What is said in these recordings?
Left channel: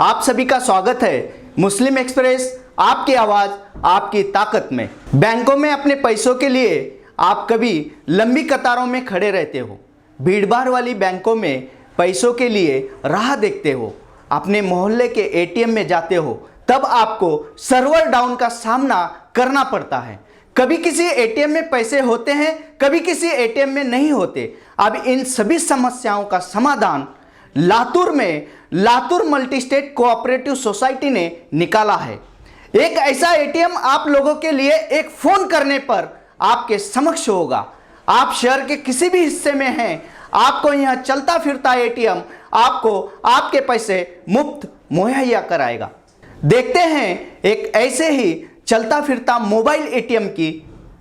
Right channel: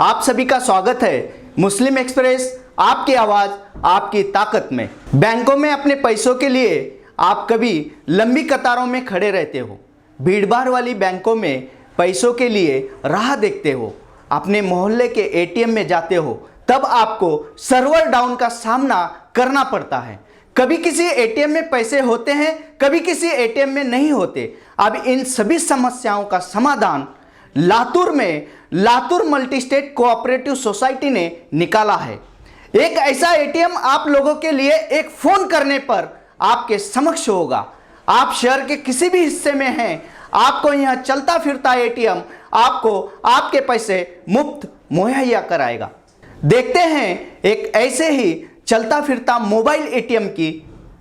आप सभी का स्वागत है मुस्लिम एक्सप्रेस, आपकी आवाज आपकी ताकत में। बैंकों में अपने पैसों के लिए आप कभी लंबी कतारों में खड़े रहते हो, भीड़भाड़ वाली बैंकों में पैसों के लिए राह देखते हो, अपने मोहल्ले के एटीएम में जाते हो, तब आपको सर्वर डाउन का सामना करना पड़ता है। कभी किसी एटीएम में पैसे होते हैं, कभी किसी एटीएम में नहीं होते। अब इन सभी समस्याओं का समाधान लातूर में Latur multi state cooperative society ने निकाला है। एक ऐसा एटीएम आप लोगों के लिए एक फोन करने पर आपके समक्ष होगा। आप शहर के किसी भी हिस्से में हैं, आपको यहां चलता फिरता एटीएम आपको आपके पैसे मुफ्त मुहैया कराएगा। देखते हैं एक ऐसे ही चलता फिरता मोबाइल एटीएम की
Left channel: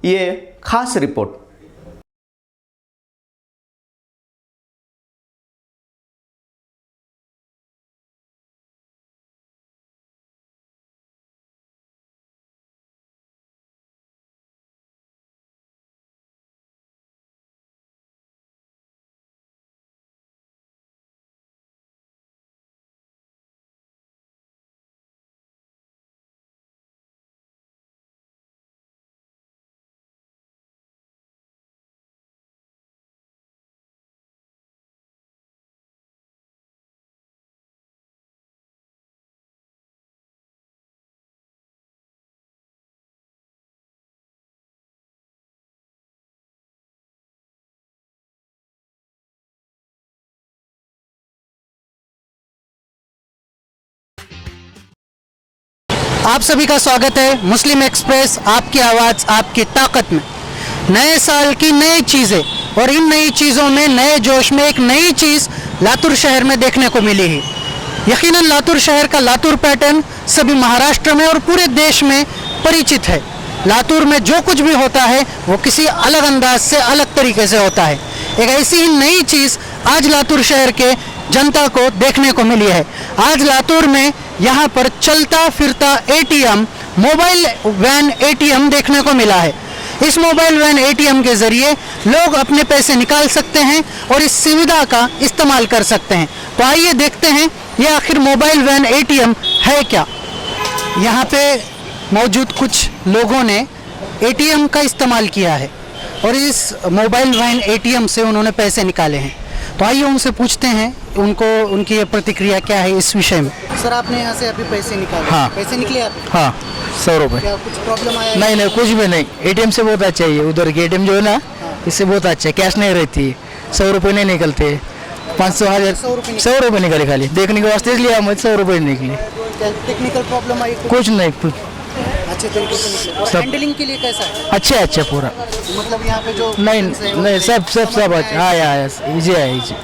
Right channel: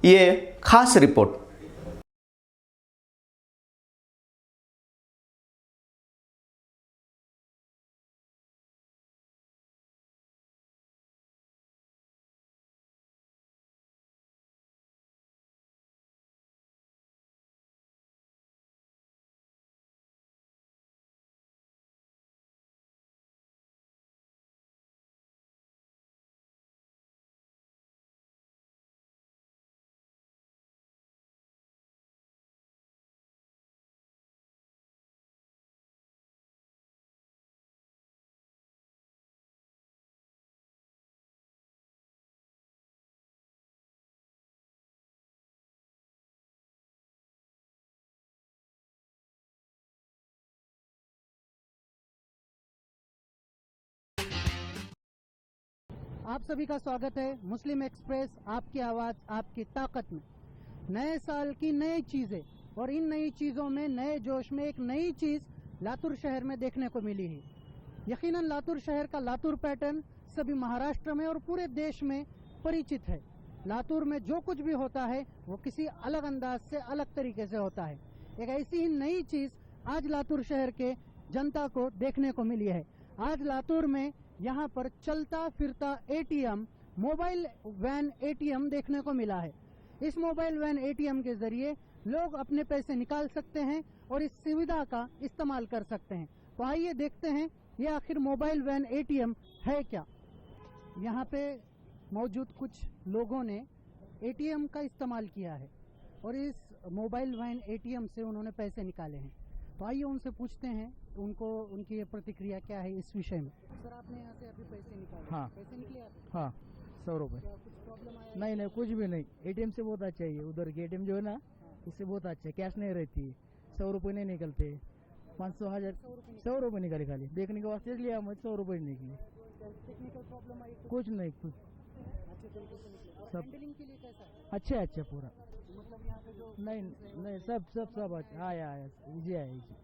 ये खास रिपोर्ट। आप सभी का स्वागत है मुस्लिम एक्सप्रेस, आपकी आवाज़ आपकी ताकत में। नए साल की नई चीज़ें और इन नई चीज़ों में नए जोश में एक नई चीज़ लातूर शहर में देखने को मिली है। यकीनन लातूर शहर का लातूर पैटर्न सभी महाराष्ट्र में और पूरे देश में परिचित है। लातूर में जो कुछ भी होता है वो किसी अलग अंदाज से अलग तरीके से होता है। एक ऐसी ही नई चीज़ आज लातूर शहर के जनता को देखने को मिली है। आज लातूर में यहाँ पर चलता फिरता एटीएम, मोबाइल वैन एटीएम देखने को मिला है। इस मोबाइल वैन एटीएम के जरिए लोग अपने पैसे निकाल सकते हैं और इस सुविधा का इस्तेमाल कर सकते हैं। तो आइए देखते हैं ये आखिर मोबाइल वैन एटीएम है क्या। यहाँ पे मौजूद कुछ लोगों ने एटीएम का इस्तेमाल किया है और इस मोबाइल वैन एटीएम से उन्होंने पैसे निकाले हैं। तो आइए उनसे पूछते हैं उनकी ये प्रतिक्रिया क्या है इस विषय में। सर, आपने यहाँ से अभी पैसे निकाले? हाँ। पैसे निकले आप? हाँ, 100 रुपये। क्या कुछ प्रॉब्लम आया? नहीं, कुछ भी नहीं। एटीएम से बहुत अच्छा है ये। उधर के एटीएम जो है ना, इससे बहुत अच्छा है। कैश नहीं रहती है, 100 रुपये नहीं निकलते। 500 1000 100 रुपये निकले खाली देखने के वास्ते, इसलिए हम 100 रुपये निकले। टेक्निकल प्रॉब्लम आई? कुछ नहीं, कुछ अच्छे तरीके से निकले। और हैंडलिंग के लिए कैसा है? अच्छा पूरा। मतलब यहाँ पे जो नहीं सब अच्छा। हाँ, इजी है इजी।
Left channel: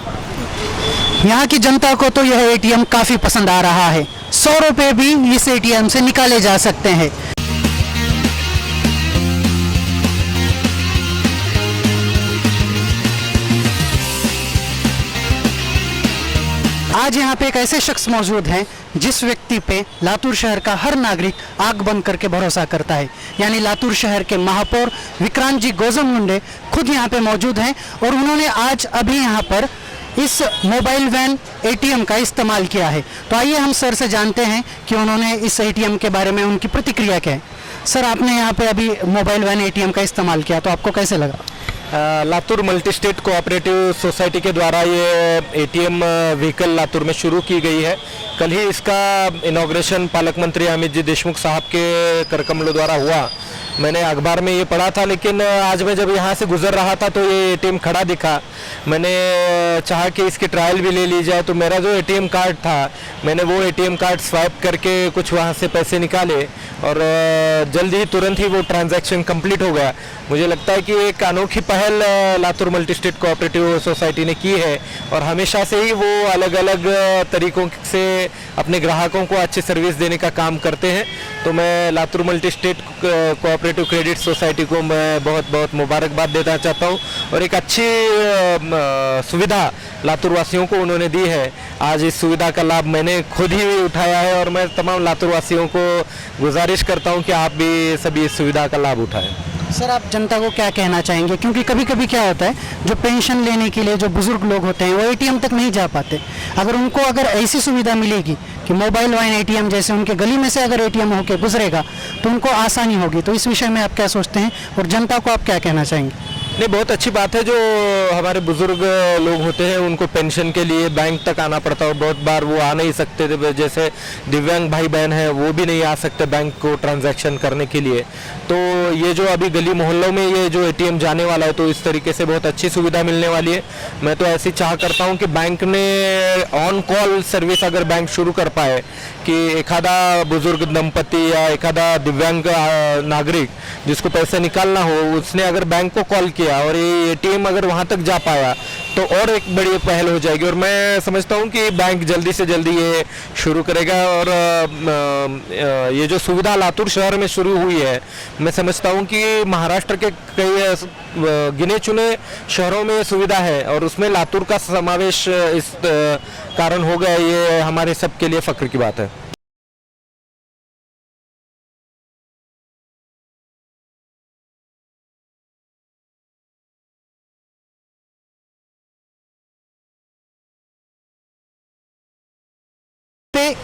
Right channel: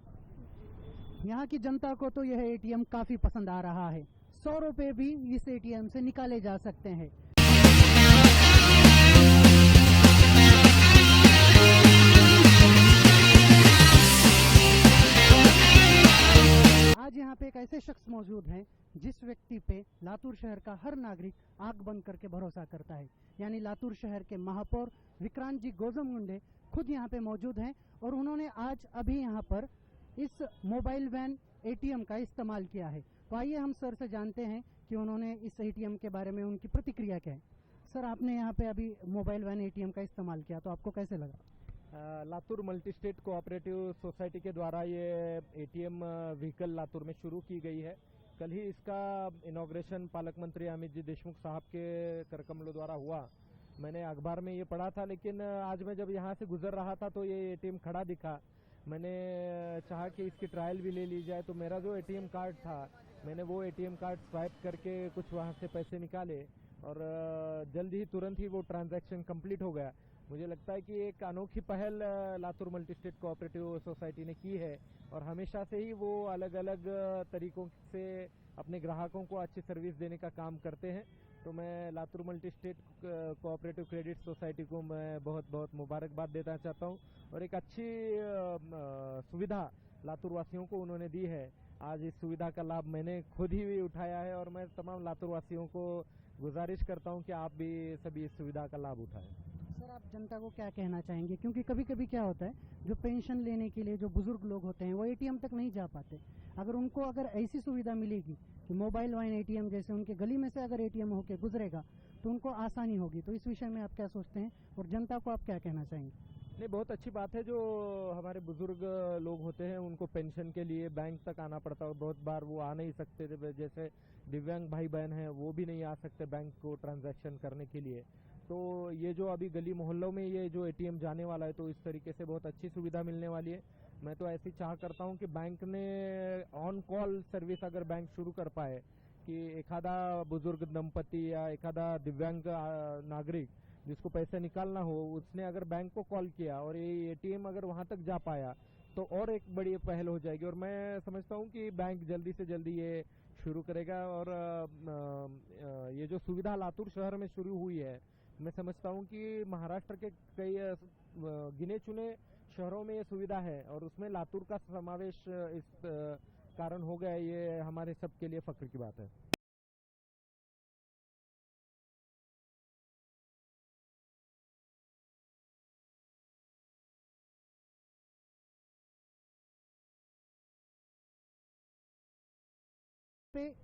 यहाँ की जनता को तो यह एटीएम काफी पसंद आ रहा है। 100 रुपये भी इस एटीएम से निकाले जा सकते हैं। आज यहाँ पे एक ऐसे शख्स मौजूद हैं जिस व्यक्ति पे लातूर शहर का हर नागरिक आंख बंद करके भरोसा करता है, यानी लातूर शहर के महापौर विक्रांत जी गोजमगुंडे खुद यहाँ पे मौजूद हैं और उन्होंने आज अभी यहाँ पर इस मोबाइल वैन एटीएम का इस्तेमाल किया है। तो आइए हम सर से जानते हैं कि उन्होंने इस एटीएम के बारे में उनकी प्रतिक्रिया क्या है। सर, आपने यहाँ पे अभी मोबाइल वैन एटीएम का इस्तेमाल किया, तो आपको कैसे लगा? Latur multi state cooperative society के द्वारा ये एटीएम व्हीकल लातूर में शुरू की गई है। कल ही इसका इनॉग्रेशन पालक मंत्री अमित जी देशमुख साहब के करकमलों द्वारा हुआ। मैंने अखबार में ये पढ़ा था, लेकिन आज मैं जब यहाँ से गुजर रहा था तो ये एटीएम खड़ा दिखा। मैंने चाहा कि इसकी ट्रायल भी ले ली जाए, तो मेरा जो एटीएम कार्ड था, मैंने वो एटीएम कार्ड स्वाइप करके कुछ वहाँ से पैसे निकाले और जल्द ही तुरंत ही वो ट्रांजैक्शन कंप्लीट हो गया। मुझे लगता है कि एक अनोखी पहल Latur multi state cooperative society ने की है और हमेशा से ही वो अलग अलग तरीकों से अपने ग्राहकों को अच्छी सर्विस देने का काम करते हैं। तो मैं Latur multi state cooperative credit society को मैं बहुत बहुत मुबारकबाद देना चाहता हूँ और एक अच्छी सुविधा लातूर वासियों को उन्होंने दी है। आज इस सुविधा का लाभ मैंने खुद ही उठाया है और मैं तमाम लातूर वासियों को गुजारिश करता हूँ कि आप भी सभी इस सुविधा का लाभ उठाएं। सर आप जनता को क्या कहना चाहेंगे, क्योंकि कभी कभी क्या होता है जो पेंशन लेने के लिए जो बुजुर्ग लोग होते हैं वो एटीएम तक नहीं जा पाते, अगर उनको अगर ऐसी सुविधा मिलेगी कि मोबाइल वाइन एटीएम जैसे उनके गली में से अगर एटीएम होके गुजरेगा तो उनको आसानी होगी, तो इस विषय में आप क्या सोचते हैं और जनता को आप क्या कहना चाहेंगे? नहीं, बहुत अच्छी बात है। जो हमारे बुजुर्ग लोग होते हैं उनको पेंशन के लिए बैंक तक आना पड़ता है, बहुत बार वो आ नहीं सकते थे, जैसे दिव्यांग भाई बहन हैं वो भी नहीं आ सकते बैंक को ट्रांजैक्शन करने के लिए। तो ये जो अभी गली मोहल्लों में ये जो एटीएम जाने वाला है तो इस तरीके से बहुत अच्छी सुविधा मिलने वाली है। मैं तो ऐसी चाह करता हूँ कि बैंक ने ऑन कॉल सर्विस अगर बैंक शुरू कर पाए कि एखादा बुजुर्ग दंपति या एखादा दिव्यांग नागरिक जिसको पैसे निकालना हो उसने अगर बैंक को कॉल किया और ये एटीएम अगर वहाँ तक जा पाया तो और एक बड़ी पहल हो जाएगी। और मैं समझता हूँ कि बैंक जल्दी से जल्दी ये शुरू करेगा। और ये जो सुविधा लातूर शहर में शुरू हुई है, मैं समझता हूँ कि महाराष्ट्र के कई गिने चुने शहरों में सुविधा है और उसमें लातूर का समावेश इस कारण हो गया, ये हमारे सबके लिए फख्र की बात है।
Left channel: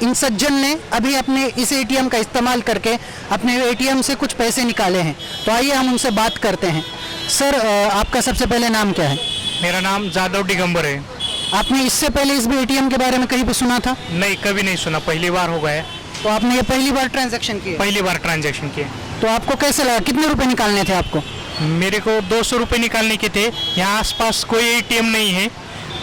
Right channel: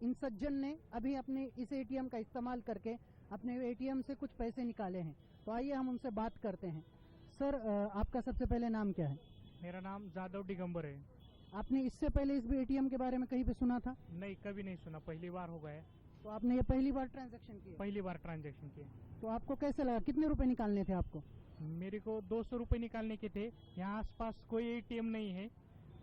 इन सज्जन ने अभी अपने इस एटीएम का इस्तेमाल करके अपने एटीएम से कुछ पैसे निकाले हैं, तो आइए हम उनसे बात करते हैं। सर आपका सबसे पहले नाम क्या है? मेरा नाम जादव दिगंबर है। आपने इससे पहले इस एटीएम के बारे में कहीं पे सुना था? नहीं, कभी नहीं सुना, पहली बार हो गया है। तो आपने ये पहली बार ट्रांजैक्शन किया? पहली बार ट्रांजैक्शन किए। तो आपको कैसे लगा, कितने रुपए निकालने थे आपको? मेरे को 200 रुपये निकालने के थे। यहाँ आसपास कोई एटीएम नहीं है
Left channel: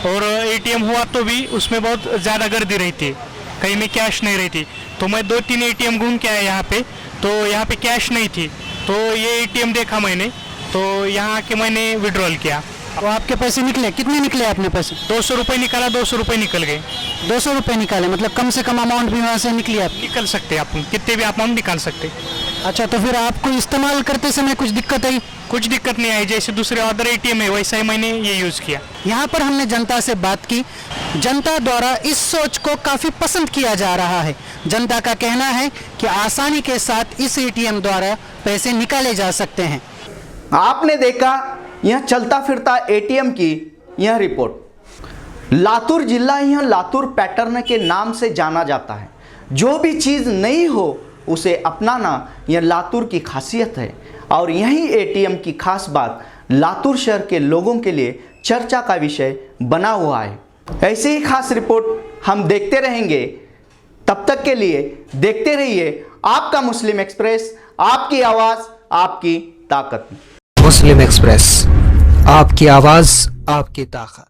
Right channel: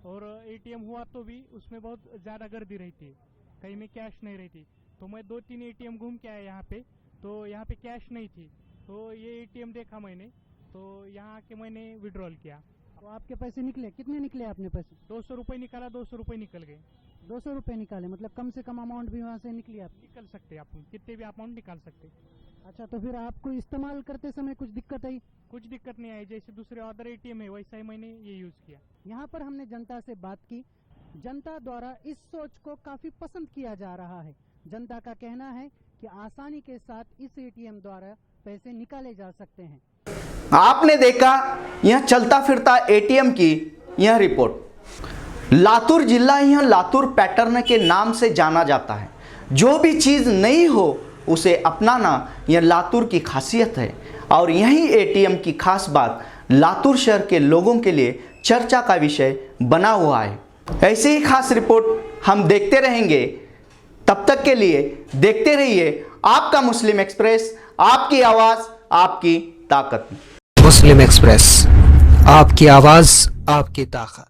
और एटीएम हुआ तो भी उसमें बहुत ज़्यादा गर्दी रहती है, कहीं में कैश नहीं रहती। तो मैं 2-3 एटीएम घूम के आया यहाँ पे, तो यहाँ पे कैश नहीं थी, तो ये एटीएम देखा मैंने, तो यहाँ आके मैंने विड्रॉल किया। तो आपके पैसे निकले? कितने निकले आपने पैसे? 200 रुपये निकाला, 200 रुपये निकल गए। 200 रुपये निकाले, मतलब कम से कम अमाउंट भी वहाँ से निकली आप? निकल सकते आप, कितने भी अमाउंट निकाल सकते। अच्छा, तो फिर आपको इस्तेमाल करते समय कुछ दिक्कत आई? कुछ दिक्कत नहीं आई, जैसे दूसरे अदर एटीएम है वैसा ही मैंने ये यूज़ किया। यहाँ पर हमने जनता से बात की, जनता द्वारा इस सोच को काफ़ी पसंद किया जा रहा है। जनता का कहना है कि आसानी के साथ इस एटीएम द्वारा पैसे निकाले जा सकते हैं। आपने देखा यह चलता फिरता एटीएम की यह रिपोर्ट। लातूर जिला यह लातूर पैटर्न के नाम से जाना जाता है। जो भी चीज़ नई हो उसे अपनाना यह लातूर की खासियत है और यही एटीएम की खास बात लातूर शहर के लोगों के लिए चर्चा का विषय बना हुआ है। ऐसी ही खास रिपोर्ट हम देखते रहेंगे। तब तक के लिए देखते रहिए आपका मुस्लिम एक्सप्रेस, आपकी आवाज़ आपकी ताकत। मुस्लिम एक्सप्रेस, आपकी आवाज़ आपकी ताकत।